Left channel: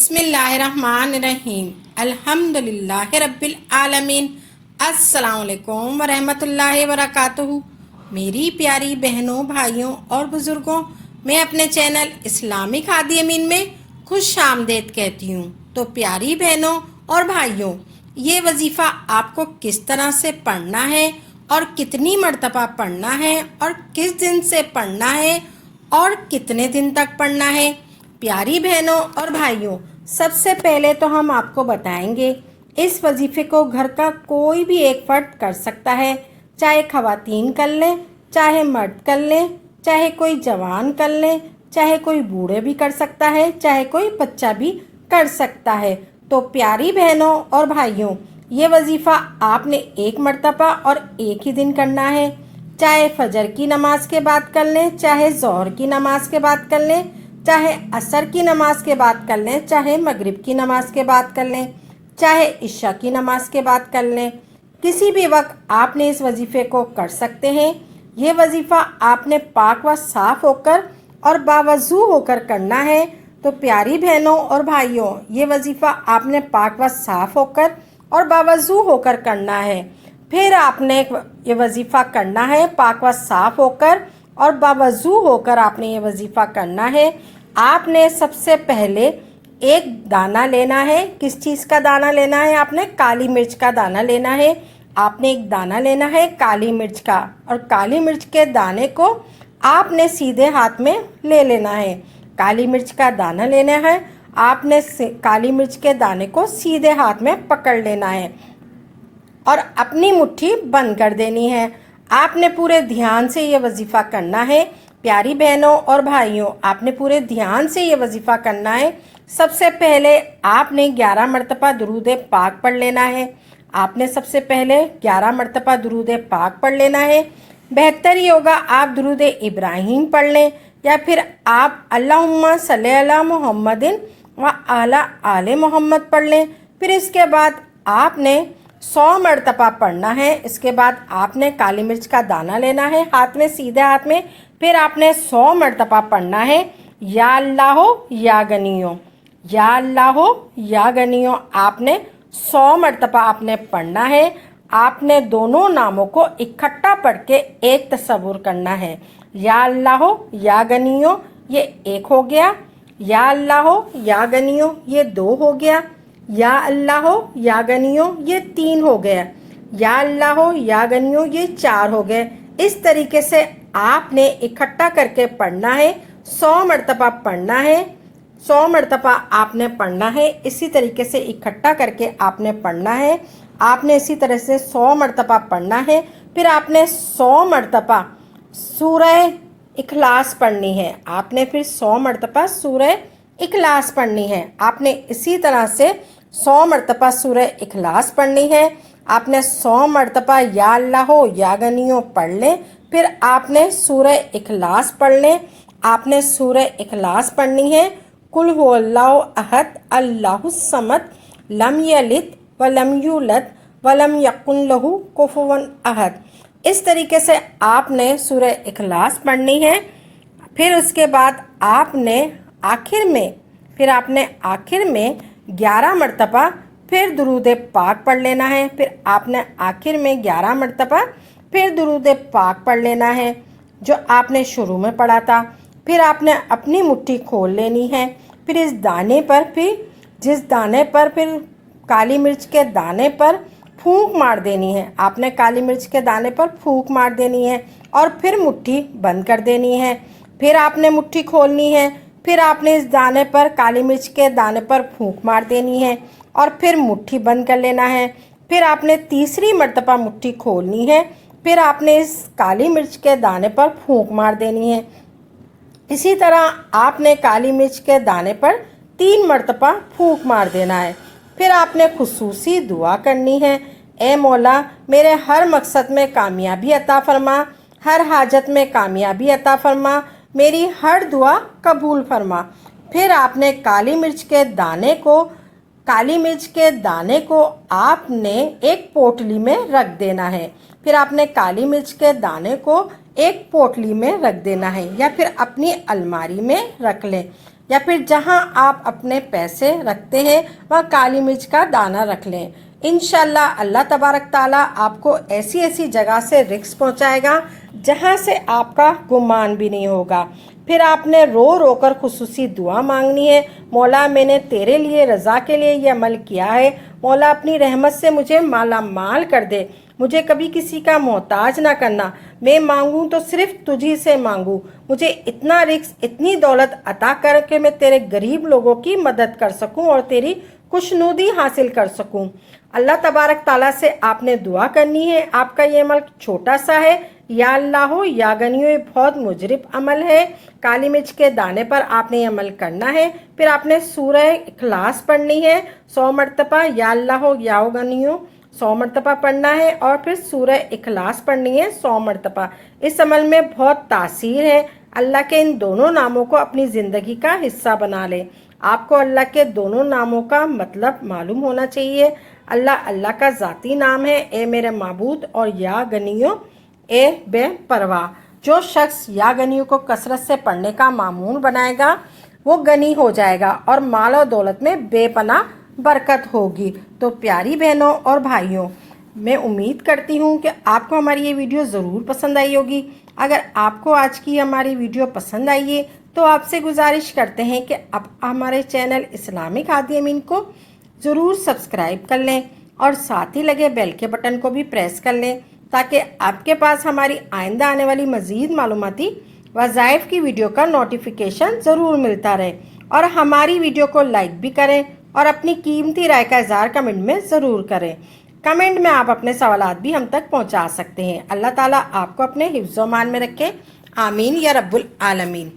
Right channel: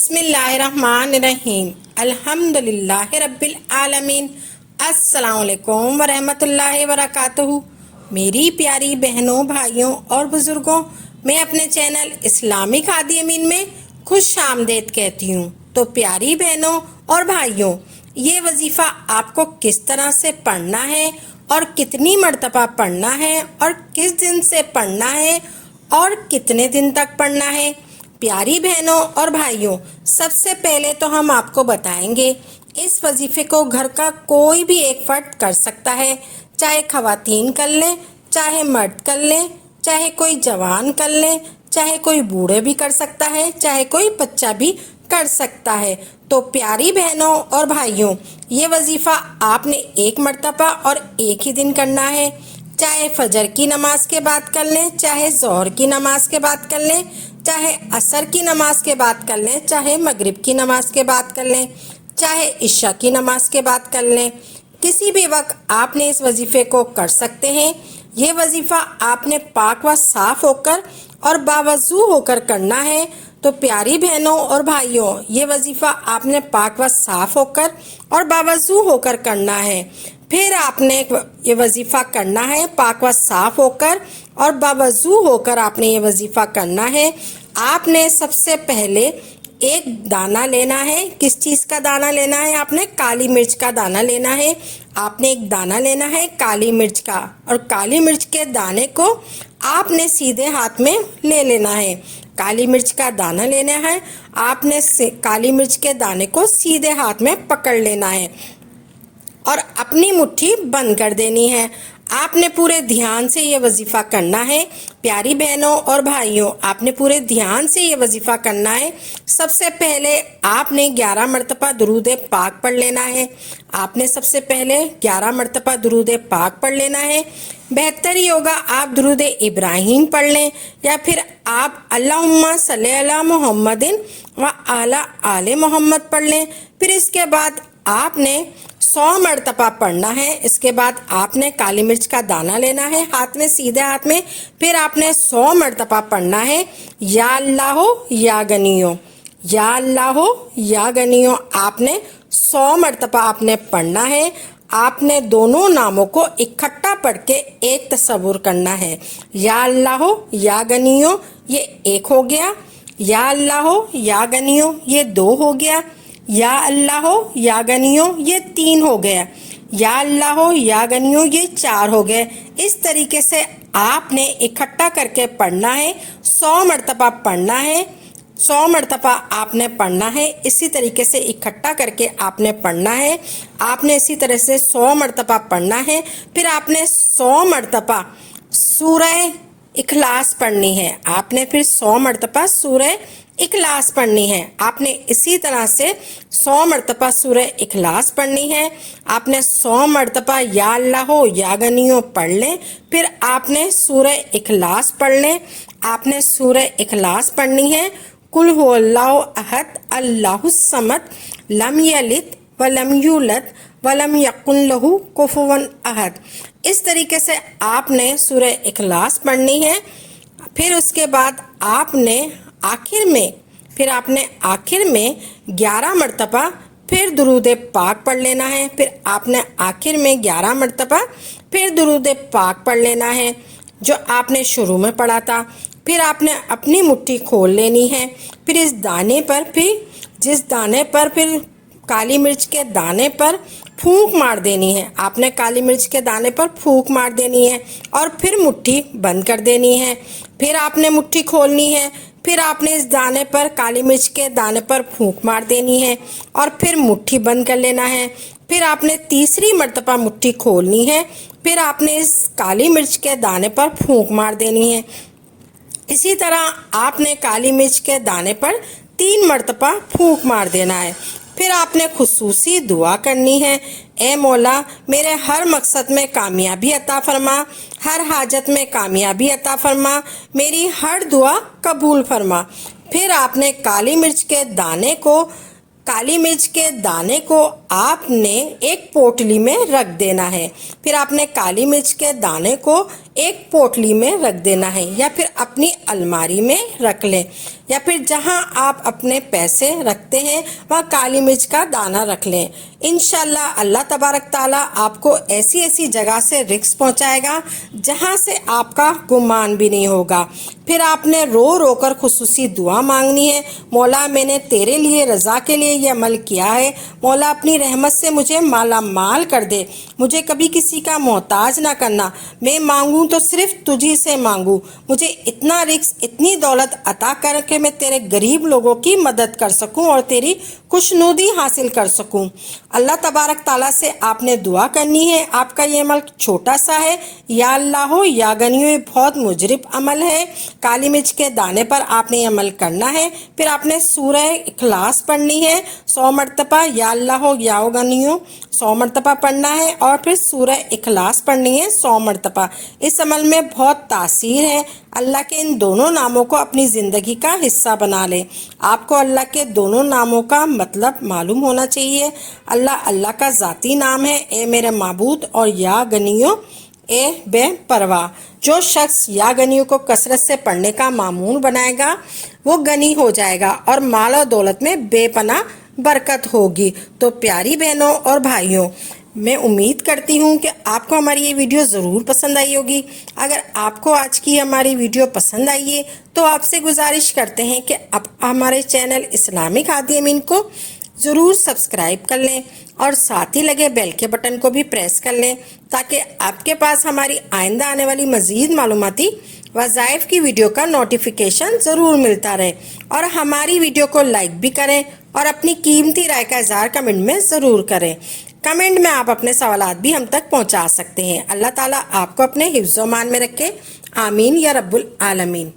बिस्मिल्लाहिर्रहमानिर्रहीम अल्हम्दुलिल्लाहि रब्बिल आलमीन। अस्सलाम वालेकुम वरहमतुल्लाहि वबरकातुहू। मेरी प्यारी बहनों, भाइयों और बुजुर्गों, मैं अपने चैनल इस्लामिक हादी अमीन में खुश आमदेद कहती हूँ। तो प्यारी बहनों और भाइयों, ये वजीफ़ा आपको किस तरह से पढ़ना है और कितनी मर्तबा पढ़ना है और किस दिन से पढ़ना है और कितने दिन तक पढ़ना है। प्यारी बहनों और भाइयों, सबसे पहले तो हम आपको बताएंगे इस वजीफे को घर का कोई भी एक फर्द कर सकता है, चाहे खवातीन कर ले, चाहे मर्द कर ले, चाहे कोई जवान कर ले, चाहे कोई बूढ़े भी कर सकता है, चाहे कोई बच्चा भी कर सकता है। तो प्यारी बहनों और भाइयों, ये वजीफा आपने एक मर्तबा और एक ही दिन करना है। चाहे फजर की नमाज के बाद कर लें, चाहे ज़ोहर की नमाज के बाद कर लें, चाहे असर की नमाज के बाद कर लें, चाहे मगरिब की नमाज के बाद कर लें, चाहे इशा की नमाज के बाद कर लें। किसी भी वक्त आपने इस वजीफे को कर सकते हैं। ये वजीफा आपने पाक व साफ होकर और बावजू होकर करना है। तो प्यारी बहनों और भाइयों, ये वजीफा आपने पाक व साफ होकर और बावजू होकर करना है। फिर आपने ये वजीफा करना है पाक व साफ होकर और बावजू होकर आपने ये वजीफा करना है। आपने सबसे पहले एक दाना लेना है। किस चीज़ का दाना लेना है? आपने काली मिर्च का दाना लेना है। आपने एक दाना लेना है काली मिर्च का, और काली मिर्च के दाने को आपने सीधे हाथ में ले लेना है। काली मिर्च का दाना लेना है, आपने काली मिर्च के दाने को सीधे हाथ में पकड़ लेना है और अपनी मुट्ठी बंद कर देनी है। आपने पूरे ध्यान से ये वजीफ़ा करना है। प्यारी बहनों और भाइयों, आपने पूरे ध्यान से ये वजीफ़ा करना है। सबसे पहले आपने 11 मरतबा दुरूद पाक पढ़ लेना है। आपने सबसे पहले 11 मरतबा दुरूद पाक पढ़ लेना है। बेहतर ही होगा आप दुरूद इब्राहिम पढ़ लें, या फिर आप अल्लाहुम्मा सल्ली अला मुहम्मदिन व अला आले मोहम्मद पढ़ लें। फिर इसके बाद आपने 100 मरतबा पढ़ना है। इसके बाद आपने काली मिर्च का दाना लेना है हाथ में, सीधे हाथ में। फिर आपने 100 मरतबा पढ़ना है या अल्लाह या गनियो, या अल्लाह या गनियो। आपने 100 मरतबा आपने पढ़ना है। आपने दोनों नामों को इकट्ठा पढ़ के एक तसव्वुर करना है। या अल्लाह या गनियो, ये एक हो गया। या अल्लाह या गनियो, ये 2 हो गया। या अल्लाह या गनियो, ये 3 हो गया। या अल्लाह या गनियो, ये 4 हो गए। इस तरीके से आपने इकट्ठा करके पढ़ना है। 100 मरतबा पढ़ना है। 100 मरतबा आपने पढ़ना है। इसी तरीके से इकट्ठा करके आपने पढ़ना है। आपने इसी तरह से 100 मरतबा पढ़ना है। फिर आपने 100 मरतबा सूरह इखलास पढ़नी है। आपने फिर 100 मरतबा सूरह इखलास पढ़नी है। आपने इसी तरह से 100 मरतबा सूरह इखलास पढ़नी है। आपने 100 मरतबा या अल्लाह या गनियो पढ़ लें। फिर आपने सूरह इखलास पढ़ लें। आपने सूरह इखलास पढ़नी है। कुल हुवल्लाहु अहद अल्लाहुस समद लम यलिद वलम यूलद वलम यकुन लहू कुफुवन अहद। इस तरीके से आपने सूरह इखलास पढ़नी है। फिर उसके बाद आपने आखिर में 11 मरतबा फिर दुरूद पाक पढ़ लेना है। फिर आपने आखिर में 11 मरतबा फिर दुरूद पाक पढ़ लेना है जो आपने शुरू में पढ़ा था। फिर आपने अपनी मुट्ठी खोल लेनी है। फिर इस दाने पर, जिस दाने पर फिर काली मिर्च के दाने पर फूंक मार देनी है। आपने काली मिर्च के दाने पर फूंक मार देनी है और फिर मुट्ठी बंद कर देनी है। फिर आपने मुट्ठी खोलनी है। फिर आपने इस दाने पर, काली मिर्च के दाने पर फूंक मार देनी है और फिर मुट्ठी बंद कर लेना है। फिर आपने तीसरी मर्तबा मुट्ठी खोलनी है। फिर आपने इस काली मिर्च के दाने पर फूंक मार देनी है। इसी तरह आपने काली मिर्च के दाने पर 3 मरतबा फूंक मार देना है। फिर आपने खुसूसी दुआ करनी है, ए मौला मेरे हर मकसद में कामयाबी अता फरमा, हर हाजत में कामयाबी अता फरमा, मेरी हर दुआ कबूल फरमा। फिर आपने काली मिर्च के दाने को आपने एक पोटली में रख देना है। फिर आपने काली मिर्च के दाने को ایک پوٹلی میں رکھ دینا ہے یا پھر اپنی الماری میں رکھ لیں یا پھر جہاں آپ اپنے پیسے رکھتے ہیں وہاں کالی مرچ کا دانہ رکھ لیں۔ انشاءاللہ اللہ تبارک تعالیٰ آپ کو ایسی ایسی جگہ سے رزق پہنچائے گا جہاں سے آپ کا گمان بھی نہیں ہوگا۔ پھر آپ نے رو رو کر خصوصی دعا مانگنی ہے، مولا میں نے تیرے لیے رضا کے لیے یہ عمل کیا ہے، مولا اپنی رحمت سے مجھے مالا مال کر دے، مجھے کبھی کسی کا محتاج نہ کرنا، میں مانگوں تو صرف تجھی سے مانگوں، مجھے اتنا رزق اتنی دولت عطا کر کہ میں تیرے غریب لوگوں کی مدد کر سکوں اور تیری خوشنودی حاصل کر سکوں۔ اللہ تبارک تعالیٰ سے آپ نے دعا کرنی ہے۔ آپ کا یہ عمل چھوٹا سا ہے، یا اللہ یا غنیو، یہ بہت مجرب عمل ہے۔ کالی مرچ کے دانے پر آپ نے یہ عمل کرنا ہے۔ پھر آپ نے سورہ اخلاص پڑھنی ہے 100 مرتبہ، یا اللہ یا غنیو 100 مرتبہ پڑھنا ہے، اور پھر سورہ اخلاص پڑھنی ہے 100 مرتبہ۔ اس عمل میں بہت تاثیر ہے۔ اللہ کے ان دونوں ناموں کو اپنی زندگی کا حصہ بنا لیں۔ آپ کو اللہ کے دونوں ناموں کا مطلب معلوم ہونا چاہیے۔ اللہ کا ذاتی نام ہے اے میرے معبود، اور یا غنیو اے بے پرواہ۔ جو شخص یا غنیو کو کثرت سے پڑھنے کا معمول بنائے گا وہ غنی ہو جائے گا اور مال و دولت میں بے پناہ برکت ہوگی۔ تو پیاری بہنوں اور بھائیوں، میں امید کرتی ہوں کہ آپ کو ہماری یہ ویڈیو ضرور پسند آئی ہوگی۔ اگر آپ کو آج کی ہماری ویڈیو پسند آئی ہے تو آپ سے گزارش کرتے ہیں کہ آپ ہمارے چینل اسلامک ہادی امین کو ضرور سبسکرائب کر لیں اور ساتھ ہی لگے بیل کے بٹن کو بھی پریس کر لیں تاکہ آپ کے پاس ہماری آئندہ آنے والی مزید معلوماتی وظائف کی ویڈیو کا نوٹیفیکیشن ضرور ملتا رہے، اور ہماری ویڈیو کو لائک بھی کریں اور اپنی قیمتی رائے کا اظہار کمنٹ میں ضرور کریں۔ کمنٹ میں آپ اپنے سوالات بھی ہم تک پہنچا سکتے ہیں۔ اللہ تعالیٰ آپ کو اپنے حفظ و امان میں رکھے، آمین یا رب العالمین۔